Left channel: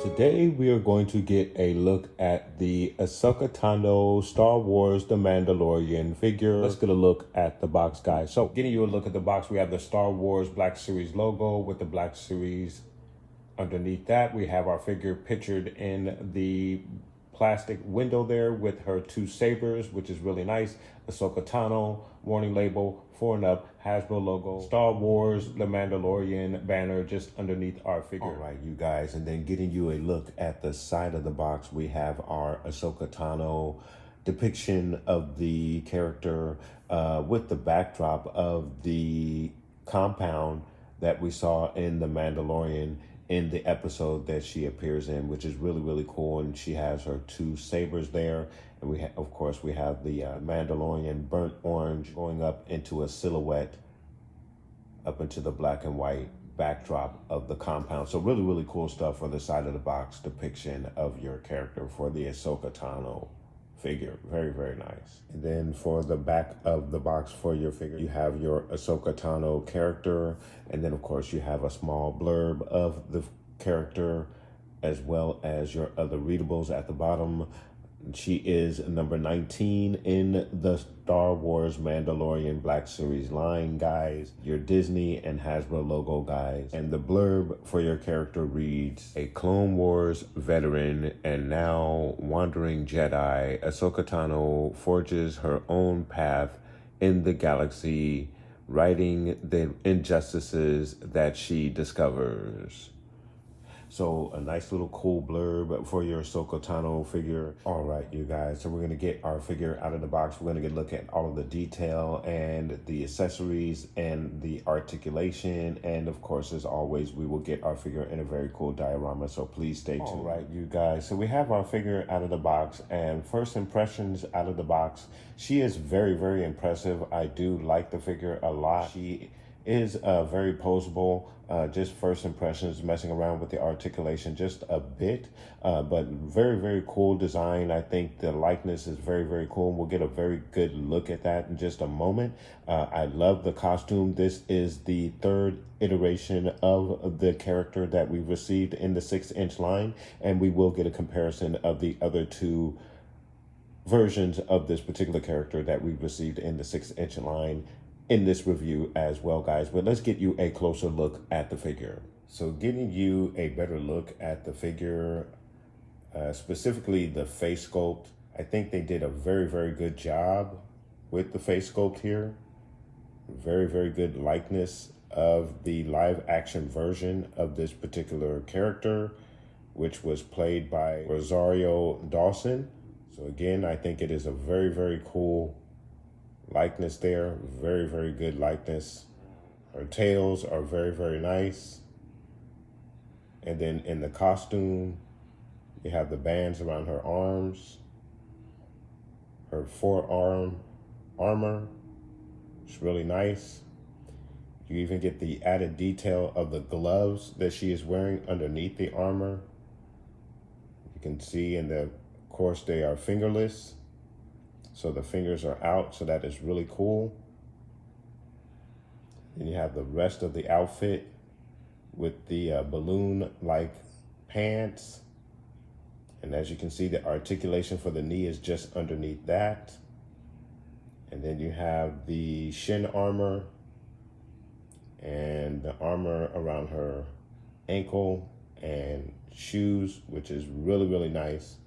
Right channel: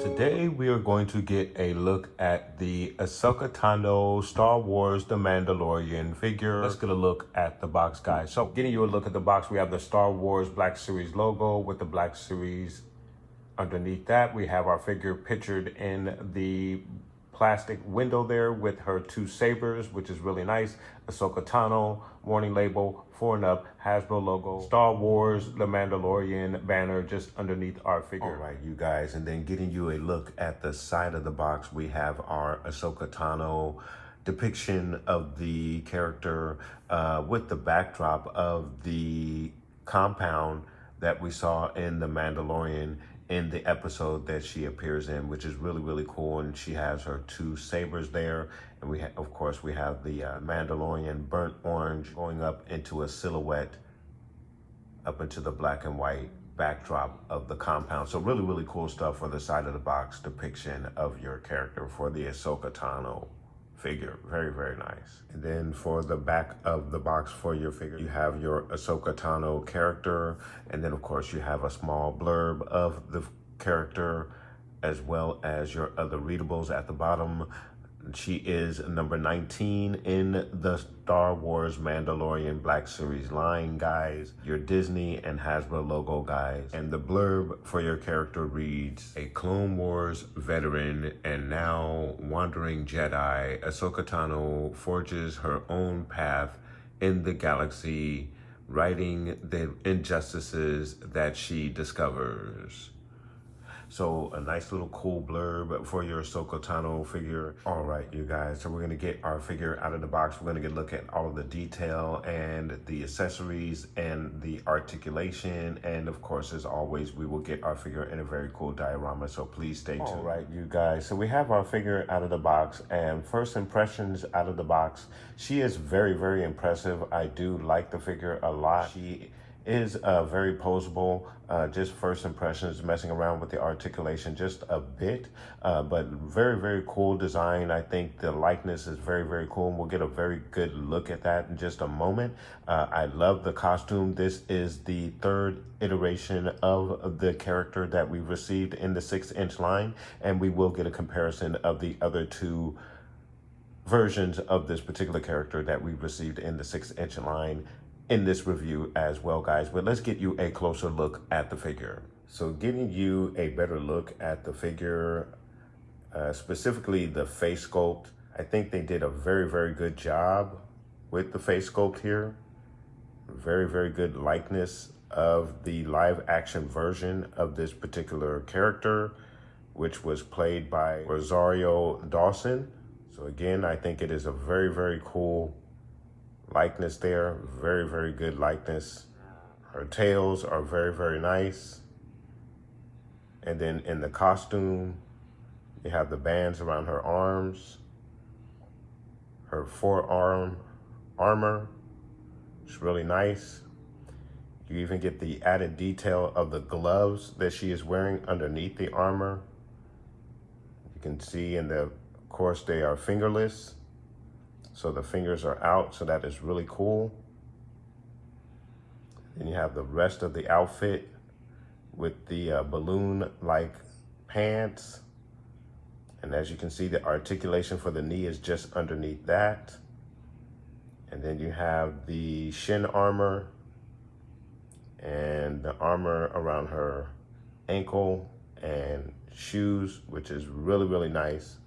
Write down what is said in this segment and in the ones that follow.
Today we are going to get a look at the Ahsoka Tano Star Wars The Mandalorian figure. Let's get a look at the box, guys. So getting you a look at the box, we have the Star Wars Black Series logo with the Black Series underneath that. We have our figure pictured in the plastic window there with her two sabers, which is really nice. Ahsoka Tano, warning label, 4 and up, Hasbro logo, Star Wars The Mandalorian banner just underneath our figure. All right, you guys, and then getting you a look at the side of the box, we have our Ahsoka Tano depiction of the character with the backdrop of the compound that we saw in The Mandalorian in the episode that she appears in, which is really, really cool. And she has her two sabers there. And we of course, we have the Mandalorian burnt orange going up into a silhouette up into the black and white backdrop of the compound. So really, really cool stuff for the side of the box depiction of your character for the Ahsoka Tano figure. Very, very nice. And then for the back of the box for your figure, you have your Ahsoka Tano character, and then of course you have a small blurb of the character as well as your other readables at the bottom. She is number 19 in the Star Wars Mandalorian Black Series line, guys. Your Disney and Hasbro logo, guys. And the blurb for your character reads, a Clone Wars veteran and now wandering Jedi, Ahsoka Tano forges her own path in the galaxy, righting the injustices that she discovers. So a nice little cool blurb for your Ahsoka Tano figure. All right, you guys, so we're gonna get our figure out of the box. We're gonna look at all of the detail and the accessories and the articulation. And of course, as always, we will get our figure in a very cool diorama, so please stay tuned. All right, you guys, so we have our figure out of the box, and first impressions out of the box, she is very, very impressive. I do like the figure a lot. She is very poseable. Just first impressions, messing around with the articulation just a bit, but very, very cool design. I think the likeness is very, very cool. We'll get a very good look at that in just a moment. I love the costume. This is the 3rd iteration of the character that we received in the 6-inch line, and we will get a comparison of the other 2 versions of this particular character that we received in the 6-inch line in this review as well, guys. But let's get you a closer look at the figure. So getting you a better look at the figure, specifically the face sculpt, I think they did a very, very good job with the face sculpt here. Very, very good likeness of the live action version of this particular character, which was played by Rosario Dawson. So again, I think it is a very, very cool likeness there. Very, very good likeness. Her tails are very, very nice. And then in the costume, you have the bands around her arms, her forearm armor. It's really nice. You even get the added detail of the gloves that she is wearing underneath the armor. You can see of course, they are fingerless. So the fingers are out, so that is really cool. Then you have the rest of the outfit with the balloon-like pants. And as you can see, the articulation for the knee is just underneath that. And then you have the shin armor and the armor around her ankle and shoes, which is really, really nice.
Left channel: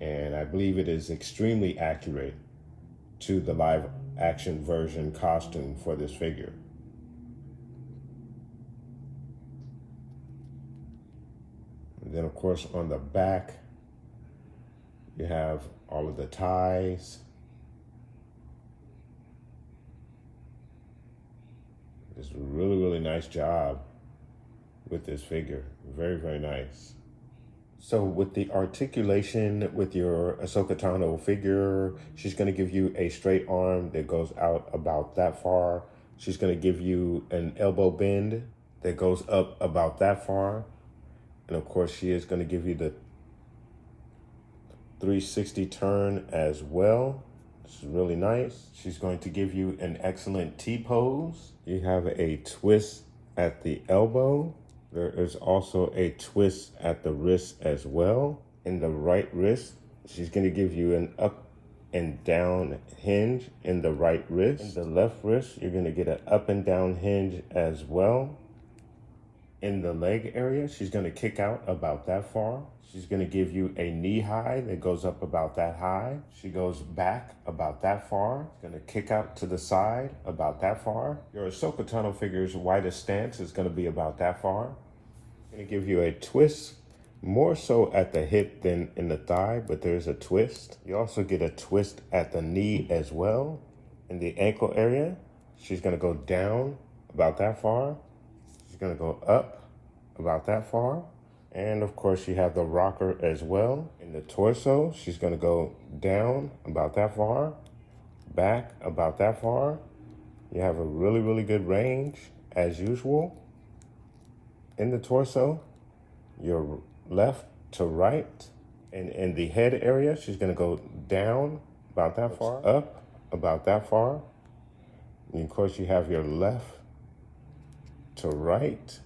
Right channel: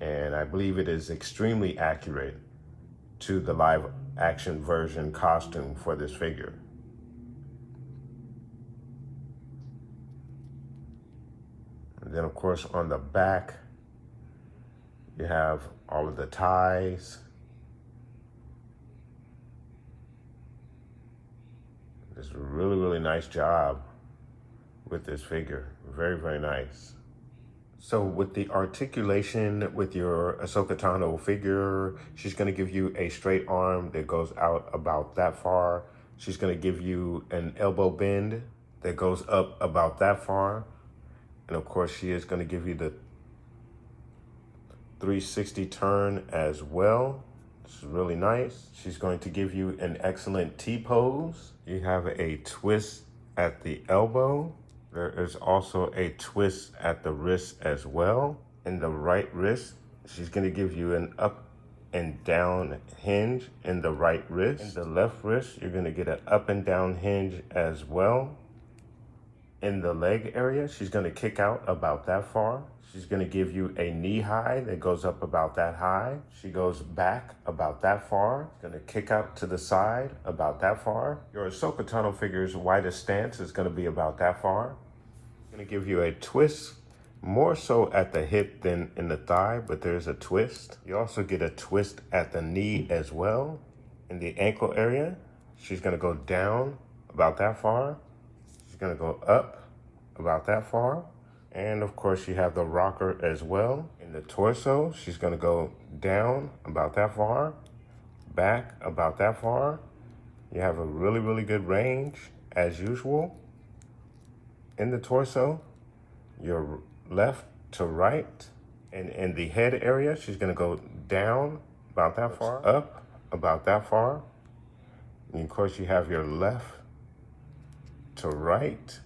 And I believe it is extremely accurate to the live action version costume for this figure. And then of course on the back, you have all of the ties. Just a really, really nice job with this figure. Very, very nice. So with the articulation with your Ahsoka Tano figure, she's gonna give you a straight arm that goes out about that far. She's gonna give you an elbow bend that goes up about that far. And of course, she is gonna give you the 360 turn as well. This is really nice. She's going to give you an excellent T-pose. You have a twist at the elbow. There is also a twist at the wrist as well. In the right wrist, she's gonna give you an up and down hinge in the right wrist. In the left wrist, you're gonna get an up and down hinge as well. In the leg area, she's gonna kick out about that far. She's gonna give you a knee high that goes up about that high. She goes back about that far. Gonna kick out to the side about that far. Your Ahsoka Tano figure's widest stance is gonna be about that far. Gonna give you a twist, more so at the hip than in the thigh, but there's a twist. You also get a twist at the knee as well. In the ankle area, she's gonna go down about that far. She's gonna go up about that far. And of course you have the rocker as well. In the torso, she's gonna go down about that far, back about that far. You have a really, really good range as usual. In the torso, your left to right. And in the head area, she's gonna go down about that far, up about that far. And of course you have your left to right,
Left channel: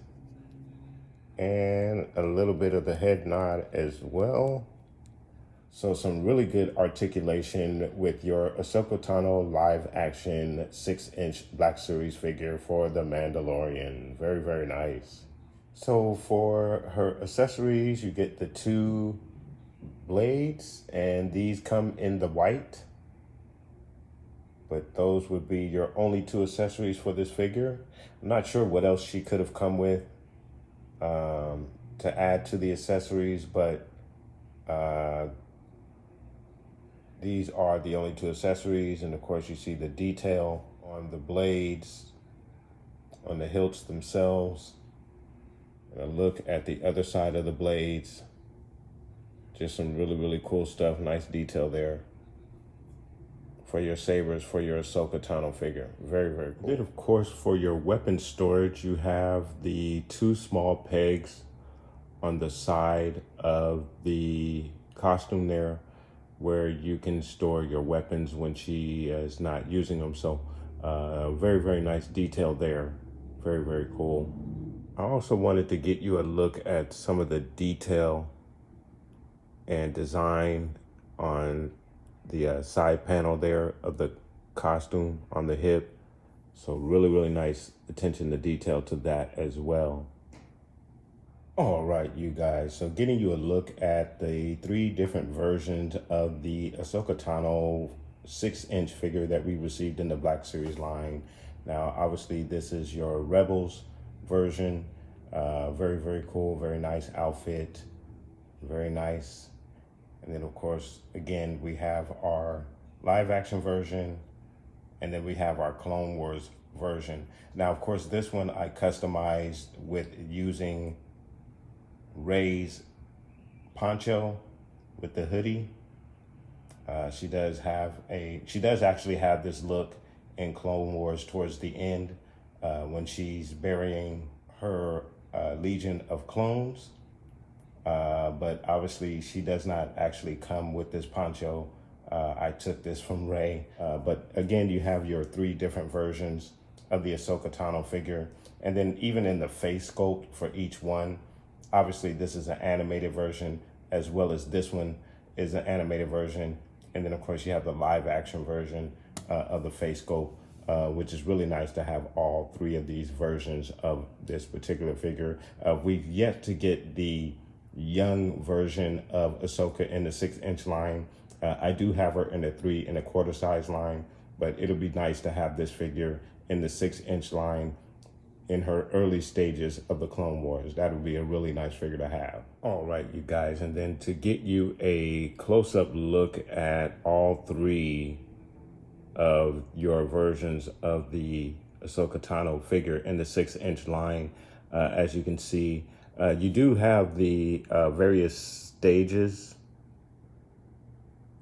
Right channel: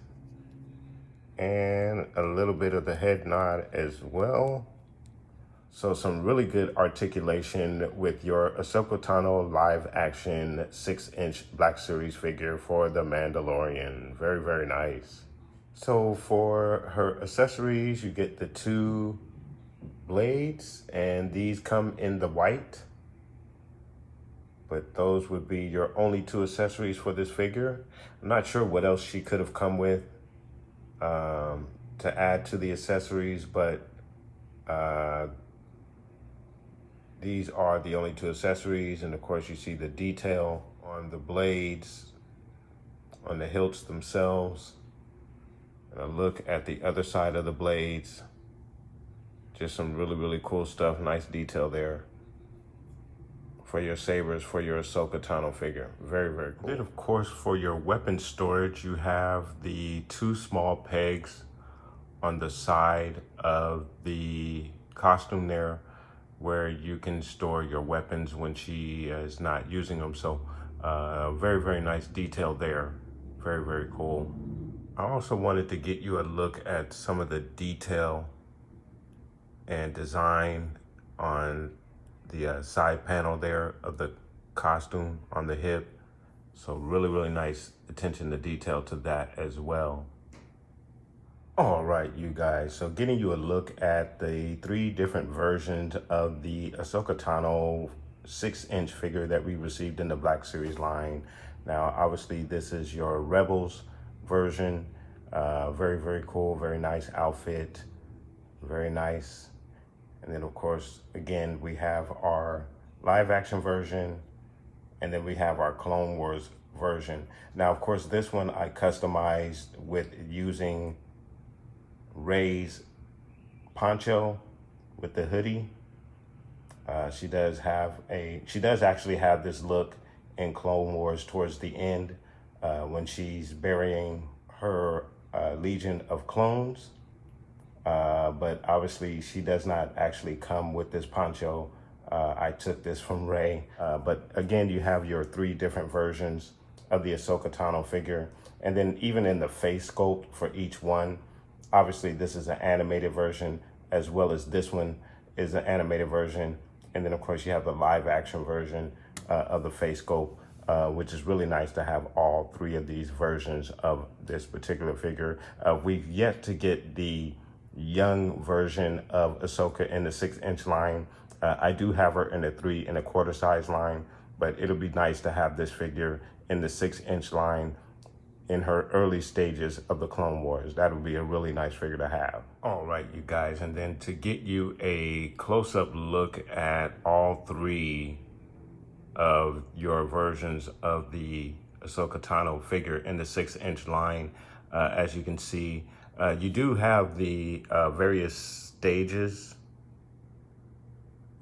and a little bit of the head nod as well. So some really good articulation with your Ahsoka Tano live action 6-inch Black Series figure for The Mandalorian. Very, very nice. So for her accessories, you get the 2 blades, and these come in the white. But those would be your only 2 accessories for this figure. I'm not sure what else she could have come with to add to the accessories, but these are the only 2 accessories. And of course you see the detail on the blades, on the hilts themselves. And a look at the other side of the blades. Just some really, really cool stuff. Nice detail there for your sabers, for your Ahsoka Tano figure. Very, very cool. Then of course for your weapon storage, you have the 2 small pegs on the side of the costume there, where you can store your weapons when she is not using them. So very, very nice detail there. Very, very cool. I also wanted to get you a look at some of the detail and design on the side panel there of the costume on the hip. So really, really nice attention to detail to that as well. All right, you guys, so getting you a look at the 3 different versions of the Ahsoka Tano 6-inch figure that we received in the Black Series line. Now, obviously, this is your Rebels version. Very, very cool, very nice outfit, very nice. And then, of course, again, we have our live action version, and then we have our Clone Wars version. Now, of course, this one I customized with using Rey's poncho with the hoodie. She does actually have this look in Clone Wars towards the end when she's burying her Legion of Clones. But obviously she does not actually come with this poncho. I took this from Rey. But again, you have your 3 different versions of the Ahsoka Tano figure. And then even in the face sculpt for each one, obviously this is an animated version, as well as this one is an animated version. And then of course you have the live action version of the face sculpt, which is really nice to have all 3 of these versions of this particular figure. We've yet to get the young version of Ahsoka in the 6-inch line. I do have her in the 3 1/4 size line, but it'll be nice to have this figure in the 6-inch line in her early stages of the Clone Wars. That would be a really nice figure to have. All right, you guys, and then to get you a close-up look at all 3 of your versions of the Ahsoka Tano figure in the 6-inch line, as you can see. You do have the various stages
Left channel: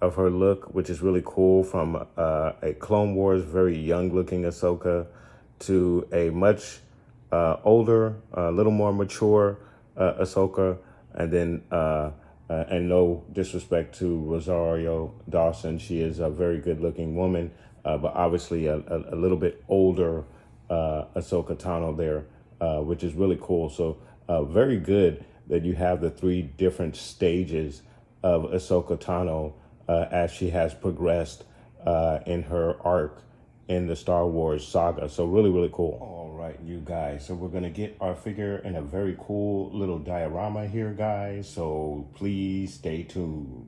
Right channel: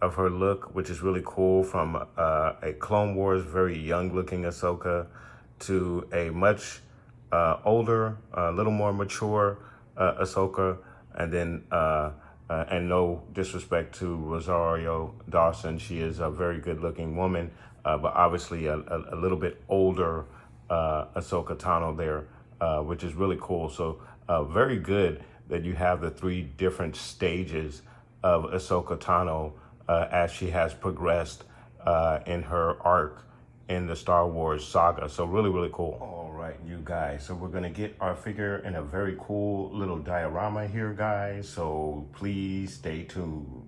of her look, which is really cool, from a Clone Wars, very young looking Ahsoka to a much older, a little more mature Ahsoka, and then, and no disrespect to Rosario Dawson, she is a very good looking woman, but obviously a little bit older Ahsoka Tano there, which is really cool. So very good that you have the 3 different stages of Ahsoka Tano as she has progressed in her arc in the Star Wars saga. So really, really cool. All right, you guys. So we're gonna get our figure in a very cool little diorama here, guys. So please stay tuned.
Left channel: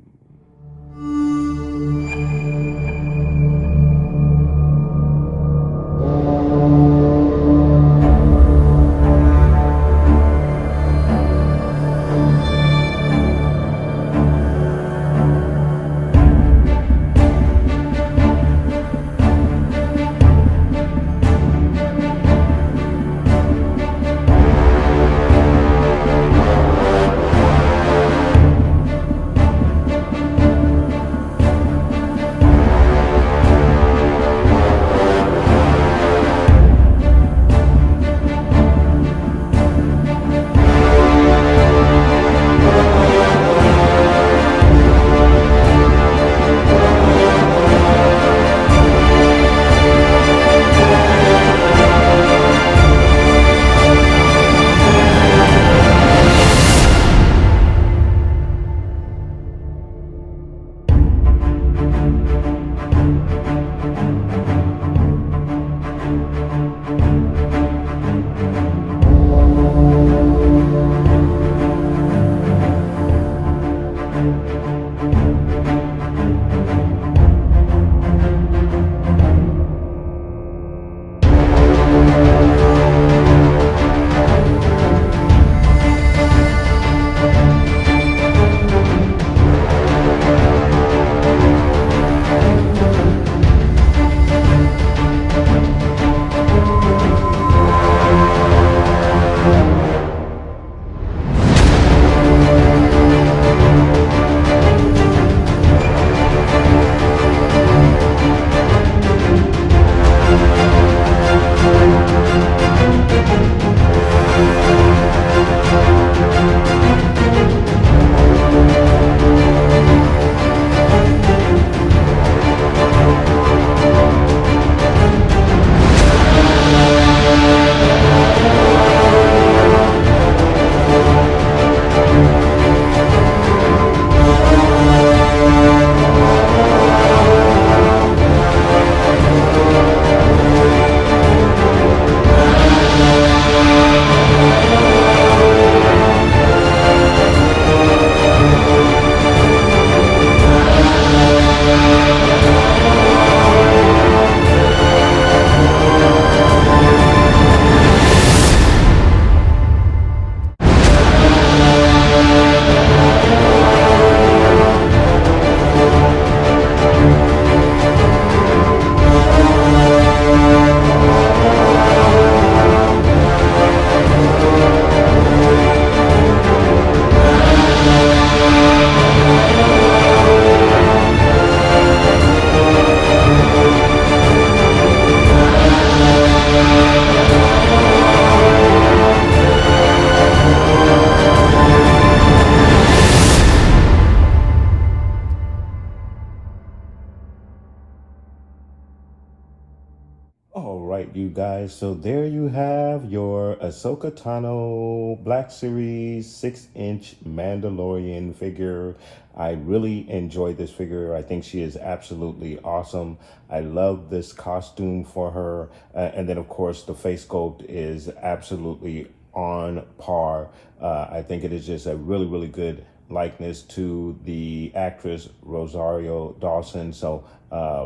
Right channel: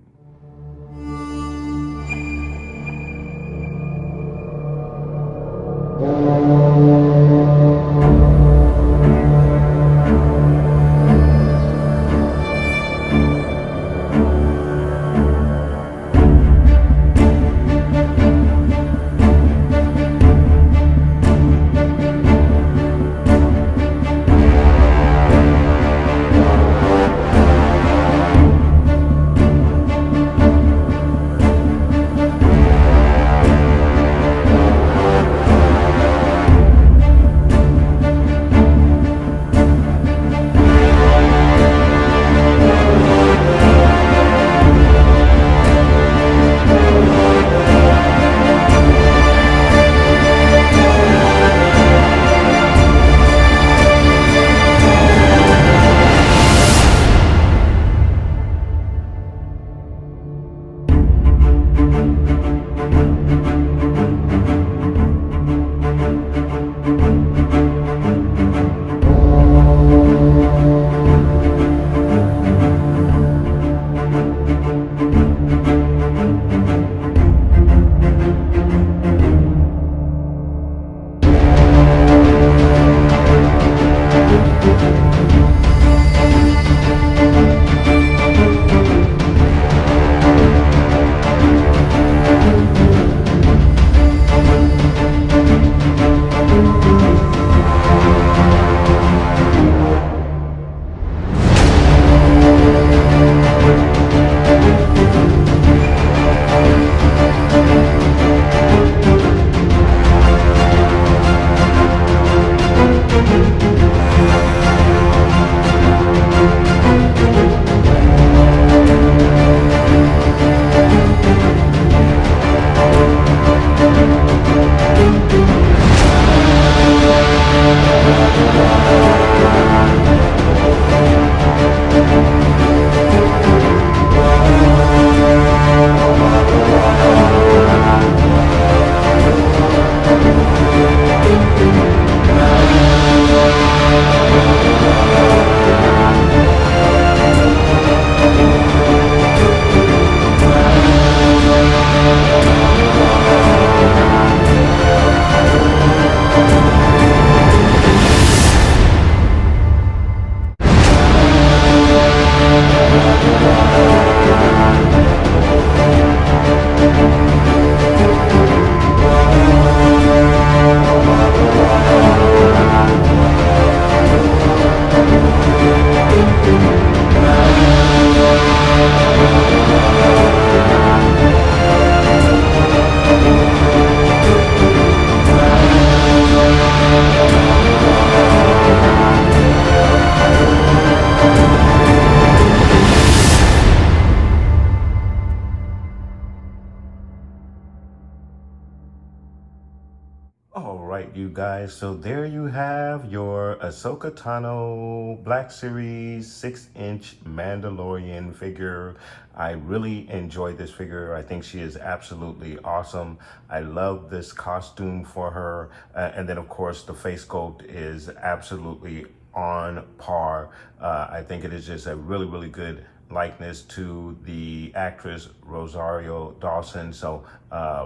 All right, you guys, so there you have your Ahsoka Tano Black Series 6-inch Mandalorian figure. I really enjoyed this figure. I think she is absolutely awesome. I love this costume for her. And then, of course, the face sculpt is absolutely on par. I think it is just a really, really good likeness to the actress Rosario Dawson. So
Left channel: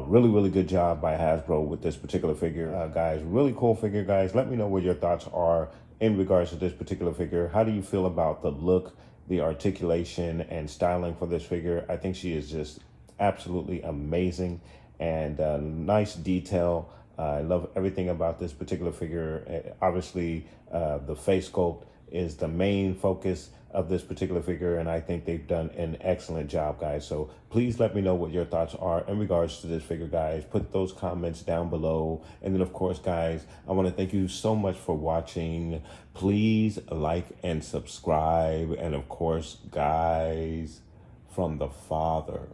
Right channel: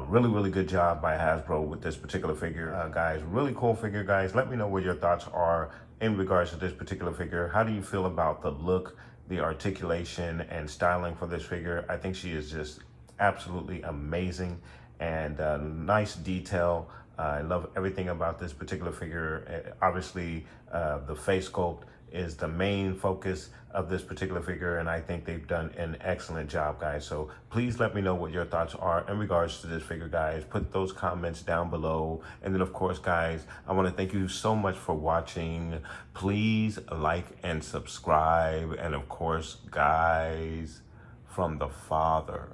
really, really good job by Hasbro with this particular figure, guys. Really cool figure, guys. Let me know what your thoughts are in regards to this particular figure. How do you feel about the look, the articulation, and styling for this figure? I think she is just absolutely amazing, and nice detail I love everything about this particular figure. Obviously, the face sculpt is the main focus of this particular figure, and I think they've done an excellent job, guys. So please let me know what your thoughts are in regards to this figure, guys. Put those comments down below. And then, of course, guys, I want to thank you so much for watching. Please like and subscribe. And of course, guys, from the Father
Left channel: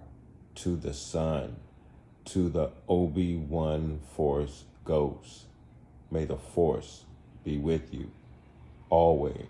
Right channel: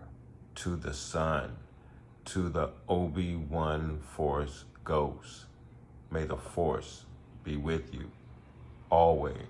to the Son to the Obi-Wan Force Ghost, may the Force be with you always.